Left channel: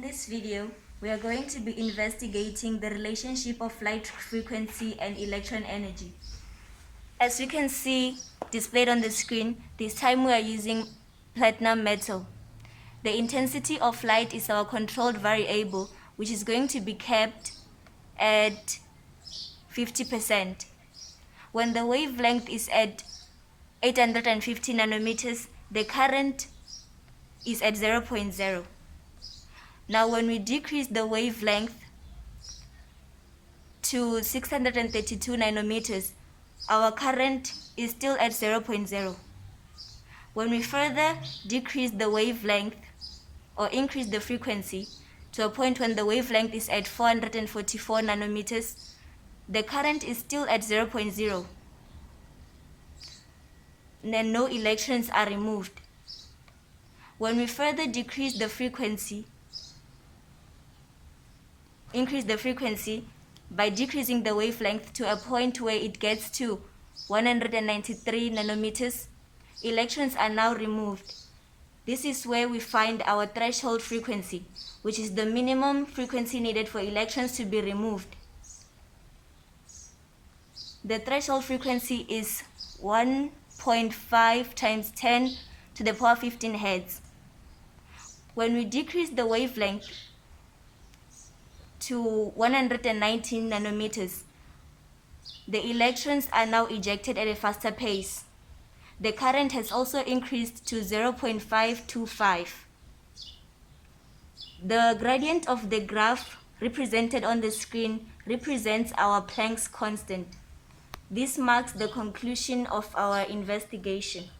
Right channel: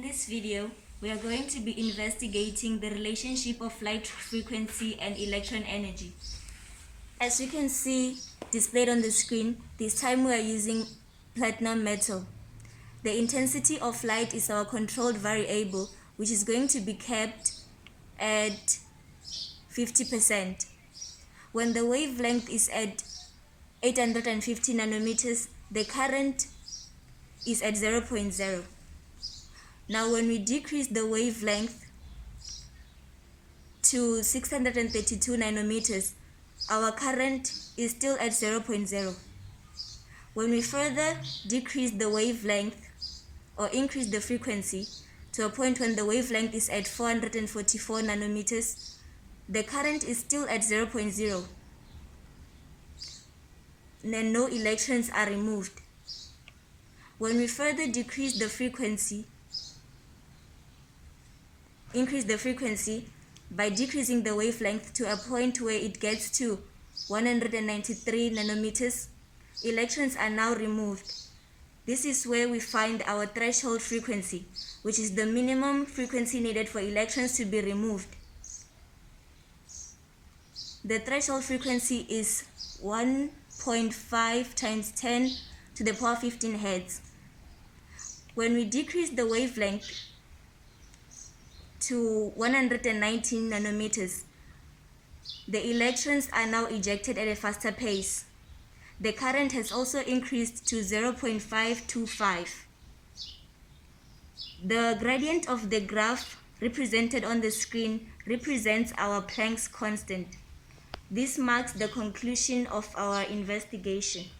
In this video, we are going to be investigating the relationship of light frequency and electron energy. As you can see displayed on the screen, this time we are using platinum metal. The intensity of light is our controlled variable, which is going to be kept at 50%. When the wavelength is at 850 nanometers, the current is at 0.0. Now when we decrease the wavelength to 632 nanometers, our current is still at 0.0. When we further decrease the wavelength or increase the frequency to a point when the wavelength is at 444 nanometers, the current is still at 0.0. Then no electrons are removed. When we further increase the frequency by decreasing the wavelength to a point where it gets to 193 nanometers, electrons are now removed. This is where we find our threshold frequency, which is the minimum frequency needed for electrons to be removed. The threshold frequency is 1.5 times 10 to the power 15 hertz. When we decrease the wavelength to 119 nanometers, the electrons are now ejected at a faster pace. The current has also increased to 0.525. The gradient of the graph represented on the screen represents our Planck's constant. This marks the conclusion of our investigation.